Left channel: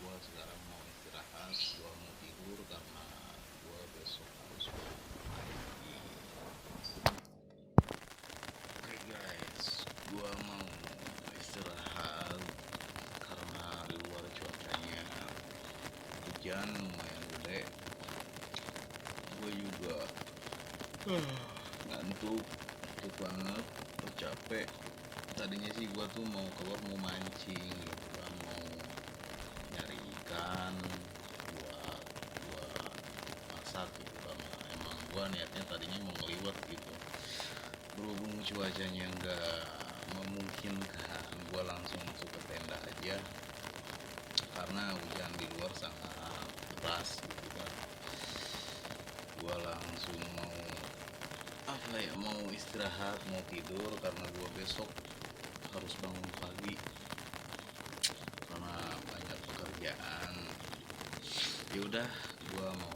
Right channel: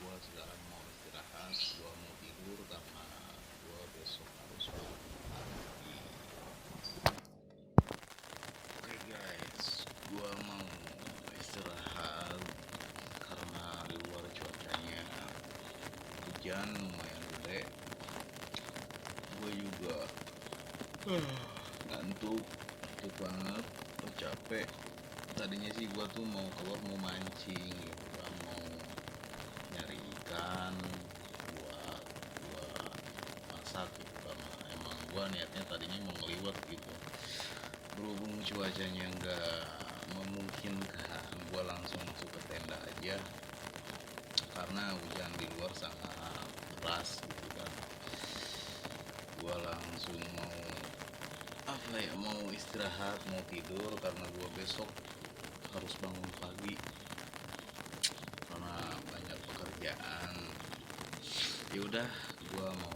Gua sekarang mau istirahat, gua mau tidur karena gua besok harus bangun pagi. Oke guys, gua mau istirahat karena di luar cuacanya hujan lumayan gede. Gua juga ngantuk banget, capek. Tadinya sih gua tuh mau keluar mau mancing gitu kan, mau nyari ikan buat gua masak gitu, karena emang gua niatnya tadinya mau ngeliwat gitu. Berhubung cuacanya nggak memungkinkan, gua langsung masuk ke tenda aja karena hujan di luar sangat deras gitu kan. Gua langsung mau istirahat, mau tidur karena gua besok harus bangun pagi karena banyak pekerjaan. Ya udah, gua mau